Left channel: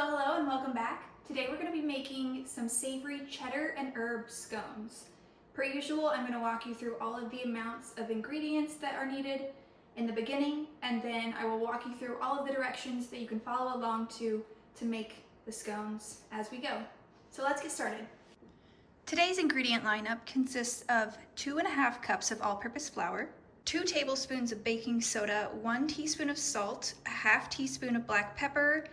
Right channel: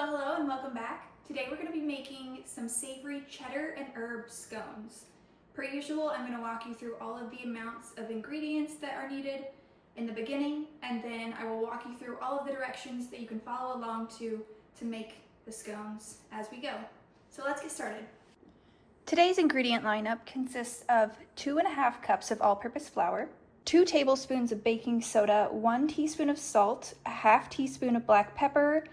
Hello, and welcome back. Today we're going to be making some savory cheddar and herb scones. Per usual, I'm going to walk you through all of the amounts of ingredients that are needed in the beginning, and then I will walk you through all of the directions that you can follow along to make the scones as we go. So let's get started. Today's ingredient lineup consists of 2.5 cups of all-purpose flour, 2 tablespoons of baking soda, 1 teaspoon of salt, a half teaspoon of black pepper,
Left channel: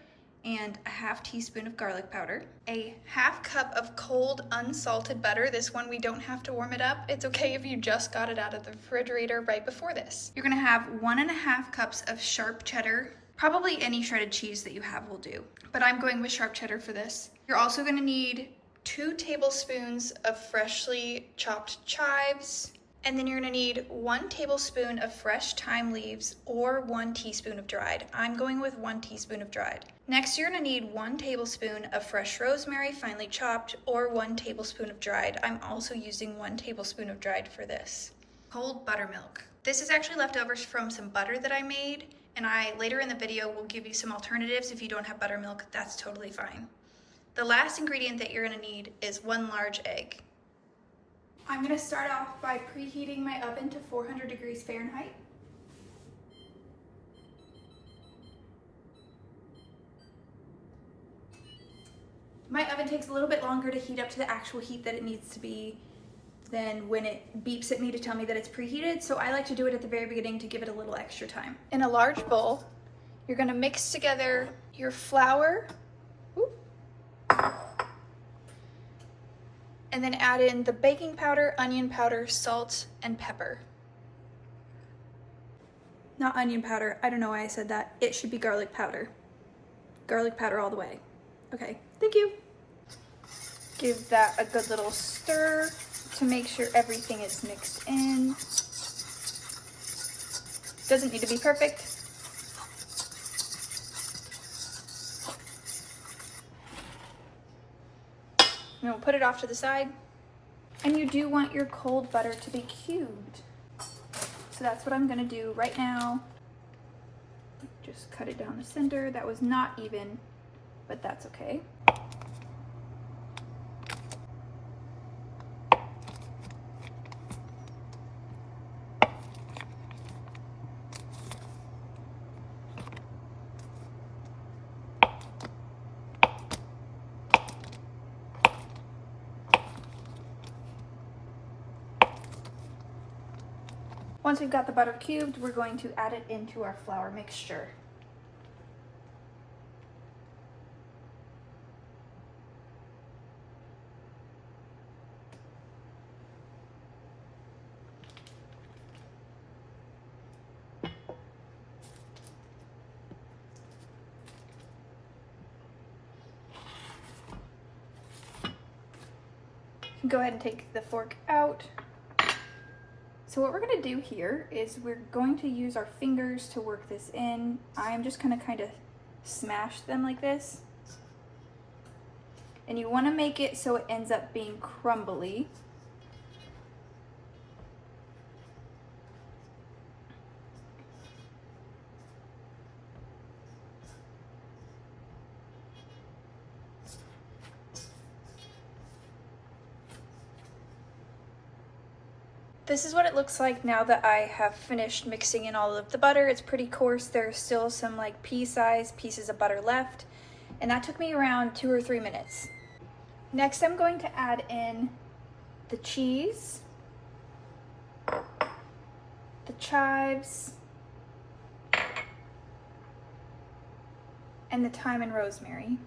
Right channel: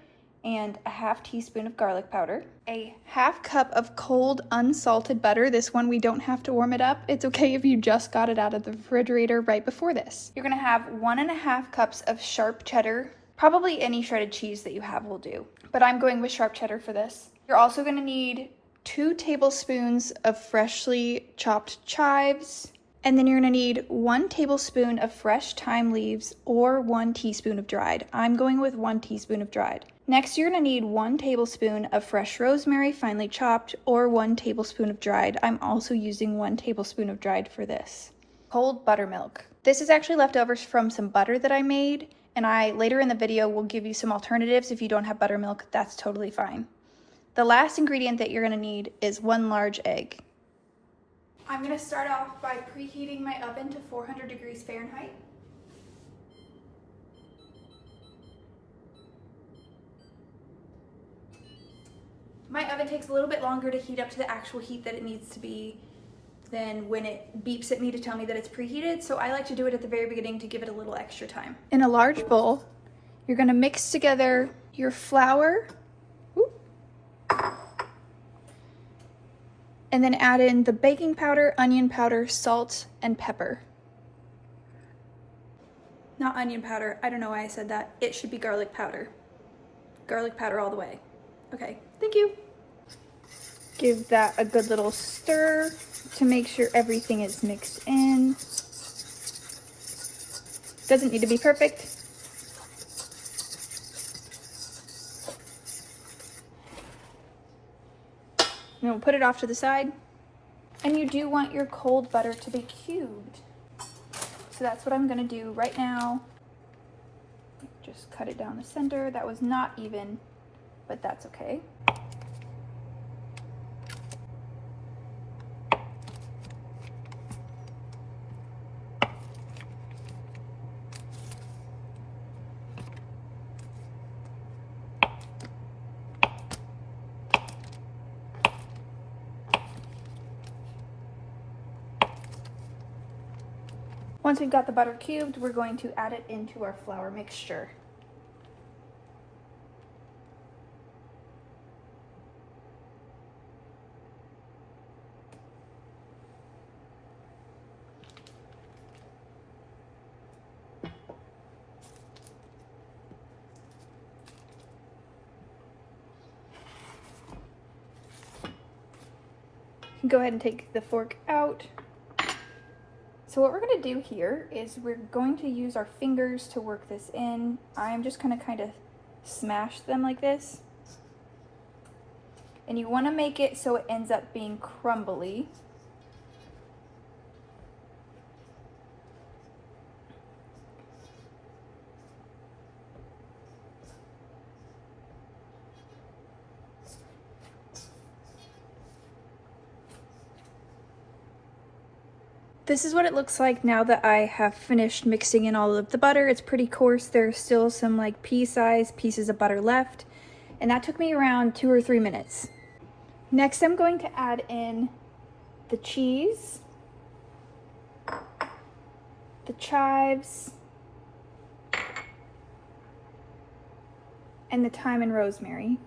and a half teaspoon of garlic powder, a half cup of cold unsalted butter. This one we don't have to warm it up. It's okay if you just got it out of the refrigerator right before this. You're gonna have 1.5 cups of sharp cheddar. Probably any shredded cheese that you have will do, but I'm going with sharp cheddar for this. You're also gonna need 2 tablespoons of freshly chopped chives, and then you're gonna need 1 tablespoon of fresh thyme leaves or 1 teaspoon of dried. I'm going with 1 teaspoon of dried. Next, you're gonna need 1 tablespoon of fresh rosemary, finely chopped, or 1 tablespoon of dried. I'm also using 1 tablespoon of dried for this. Cold buttermilk. This is actually leftovers from some butter that I made, and I later in the video will give you some alternatives. If you don't have buttermilk, that's totally fine. The last ingredient that you're gonna need is 1 large egg. I'm gonna start off by preheating my oven to 400 degrees Fahrenheit. My oven takes a little bit longer to heat up to the actual heat that it needs to be than when it beeps at me to tell me that it's preheated, so I like to do it at the very beginning to give it a little extra time. In a large bowl, you're gonna mix together your flour, and then add in the baking powder, onion powder, salt, and pepper. Not onion powder, I don't know why I said that. It should be garlic powder. Garlic powder all the way. Okay, thank you. Give that a good little stir to make sure everything is mixed in. Doesn't need to be perfect. And we'll put it off to the side. And you do want your cold butter to be cubed. So that's what I'm gonna do right now. Just cut it down the center. That was not even, but that's okay. Once we've got the butter cubed, we're going to add it into our flour mixture. Go ahead and take the fork out. So what we're gonna do here is we're going to use our fingers to work this in. I'm just gonna kind of smash them like this. And you wanna make it so it ends up being crumbly. This is what it looks like now that I have finished mixing in all of the butter. It's pretty coarse. There's still some like pea-sized pieces of butter left, and that took me around 2 or 3 minutes. Next, I'm going to add in the cheese, the chives, and the thyme and rosemary.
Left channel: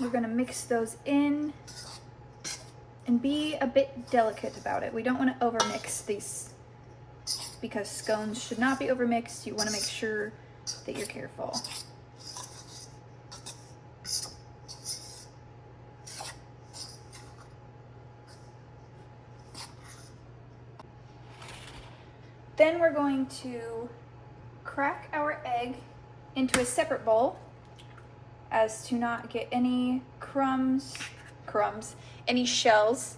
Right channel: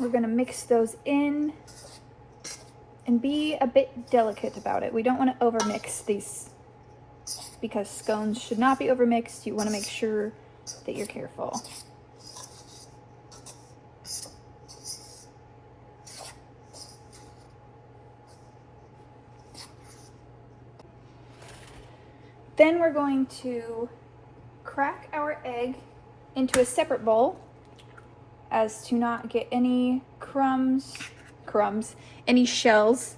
We're gonna mix those in and be a bit delicate about it. We don't want to overmix these because scones should not be overmixed. You want to make sure that you're careful. Then we're going to crack our egg into a separate bowl as to not get any crumbs, any shells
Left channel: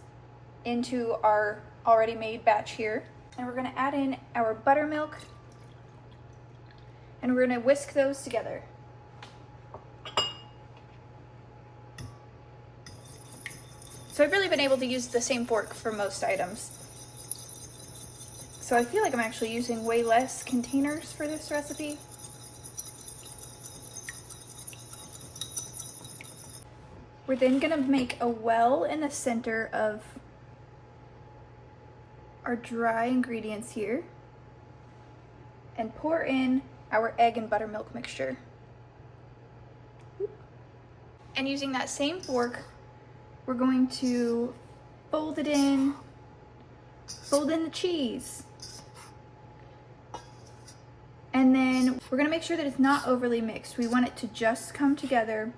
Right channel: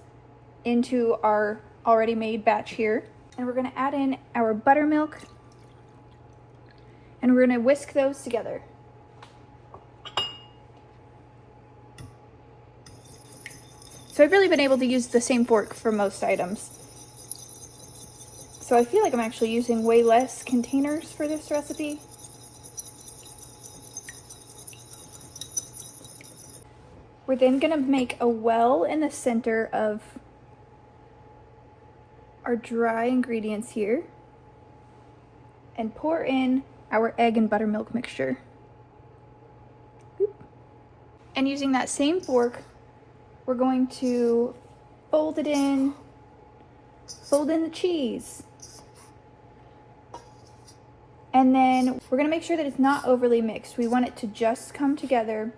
into our already made batch here. And we're gonna add in our buttermilk, and we're gonna whisk those together. So I've really been able to use the same fork for most items. So I feel like I'm actually using way less containers for this recipe. We're then gonna make a well in the center of our dry ingredients here and pour in our egg and buttermilk mixture. And using that same fork, we're going to fold in the cheese. And then we're gonna make sure that it's not overly mixed. We want it to just come together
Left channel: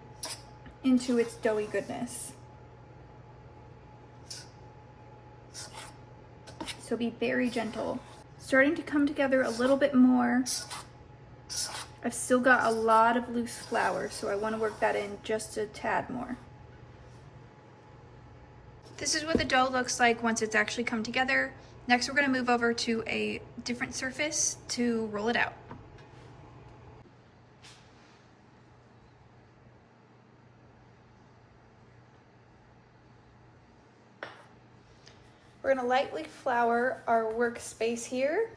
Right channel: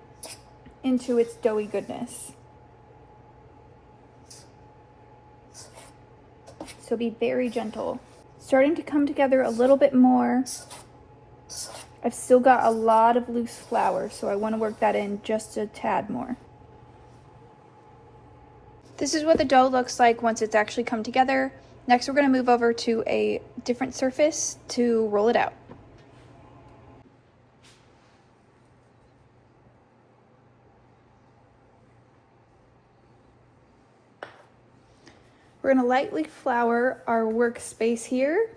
into its doughy goodness. So be very gentle. Starting to come together a little bit more. I've still got a lot of loose flour, so I want to work that in just a tad more. This is what the dough looks like once it's actually come together. Next, we're going to move over to a different surface to roll it out. We're gonna lightly flour our workspace here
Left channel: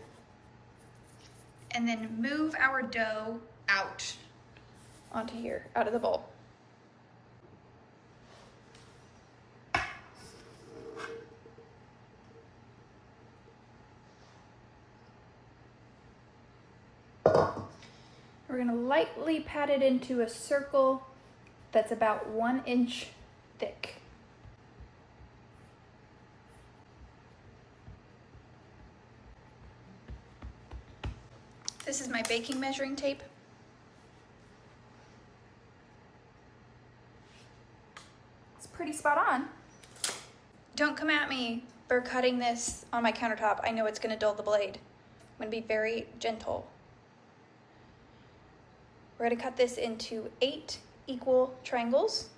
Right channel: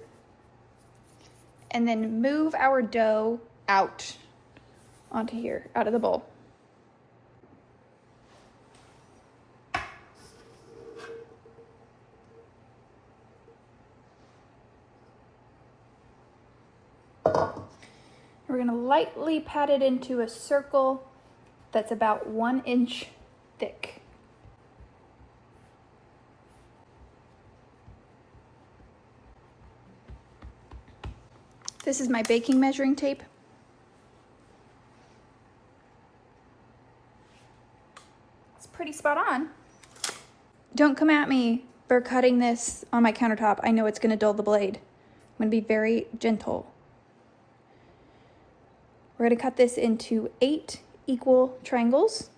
and then move our dough out onto here, out of the bowl. We're gonna lightly pat it into a circle that's about 1 inch thick. This is my baking measuring tape. It's pretty spot on. Don't come at me for cutting this on my countertop. I know it's gonna dull the blade. I'm gonna be very gentle. We're gonna cut this into 8 equal triangles.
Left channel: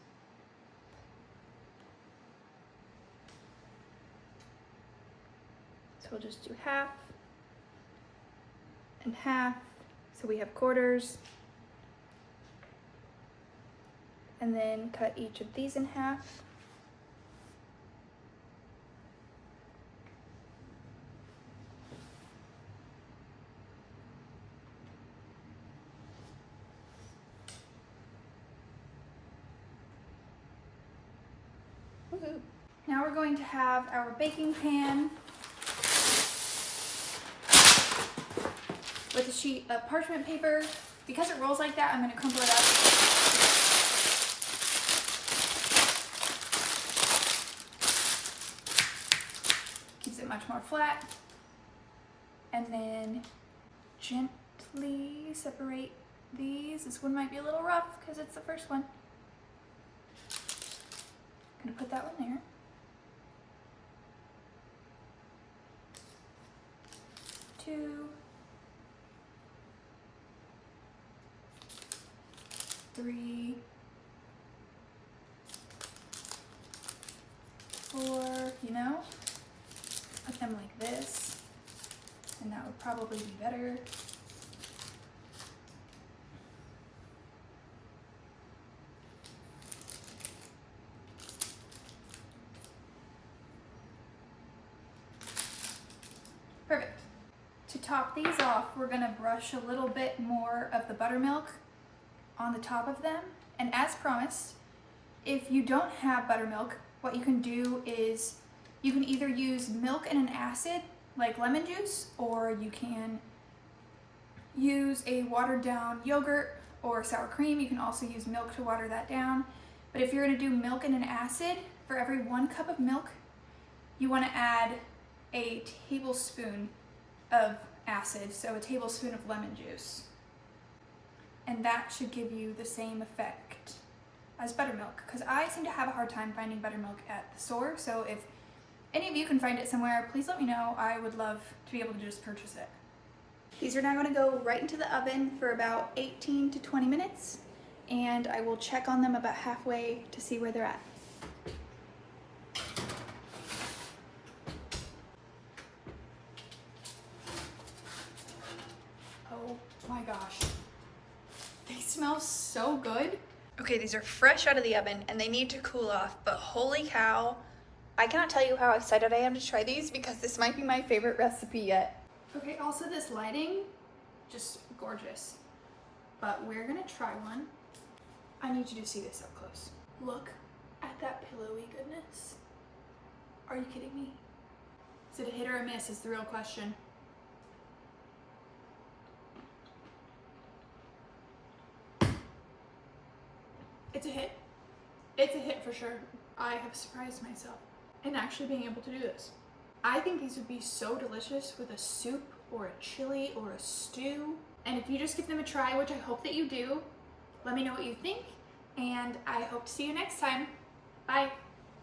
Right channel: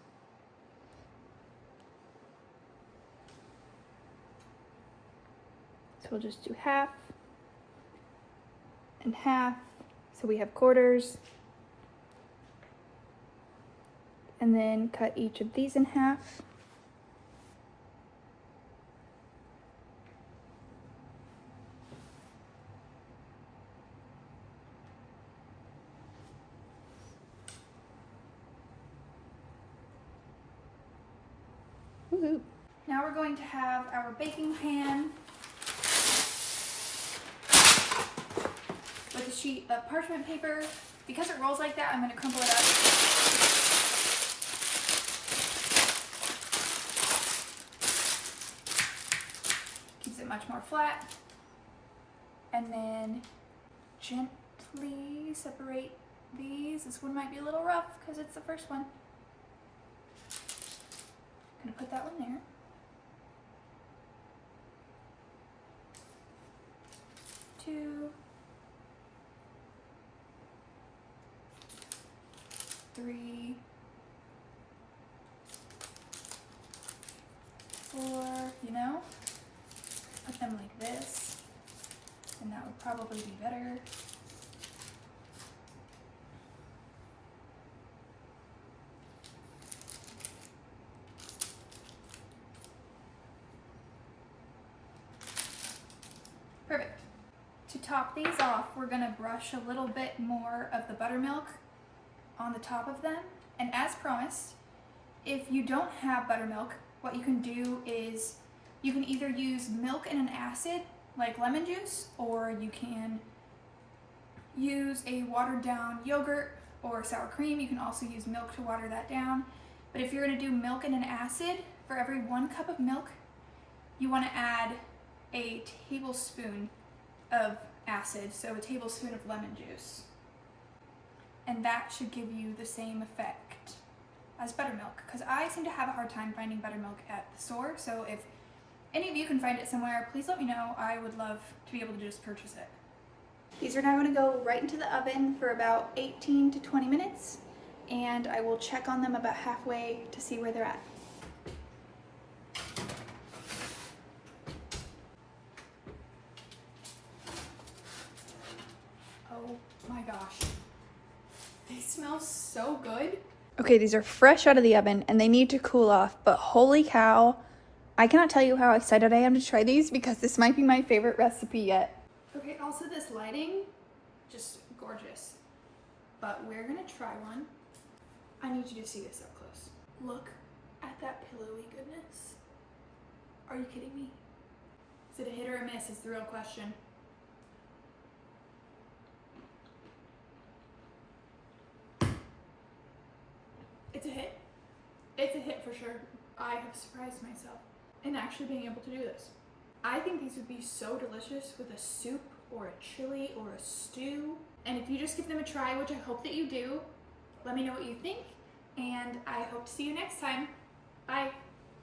So we'll just do half and half, so we have quarters, and then cut each of these in half. Now we're going to have our baking pan with a sheet of parchment paper. Because it rolls like that, I'm going to crumple it up. Keeps it much more flat. And then gently separate these. This one might be a little rough because it's the first one. I'm going to put that one there. Two. 3, 4, you know? Put them like this, and that would probably be better. Perfect. To top these off, we're gonna brush a little bit more of the buttermilk on the top of them. And as promised, if you don't have buttermilk, what you can do is you can either use milk and an acid like lemon juice, or you can use a watered down yogurt or sour cream. You can also use milk to water that down. But if you're going to do milk and an acid, for every 1 cup of milk, you want to add a tablespoon of acid, so a tablespoon of lemon juice. And that should give you the same effect as buttermilk, because I seem to have a hard time finding buttermilk at the store. So if any of you can find it somewhere, please let me know. I would love to be able to just purchase it. These are now going to go right into the oven for about 18 to 20 minutes, and I will check on them about halfway to see where they're at. Oh my gosh. They smell so good. Okay, these are fresh out of the oven and they need to cool off, but holy cow, I cannot tell you how excited I am to try these because this might be my favorite recipe yet. Okay, also this lighting, just gorgeous. But we're gonna try one. I need you to see this up close. Look at that pillowy goodness. Are you kidding me? Is it a hit or a miss is the real question. It's a hit. It's a hit for sure. I have surprised myself in actually being able to do this. I think these would be so delicious with a soup or a chili or a stew. And if you just give them a try, which I hope that you do, let me know what you think. And I hope to see you next time. Bye.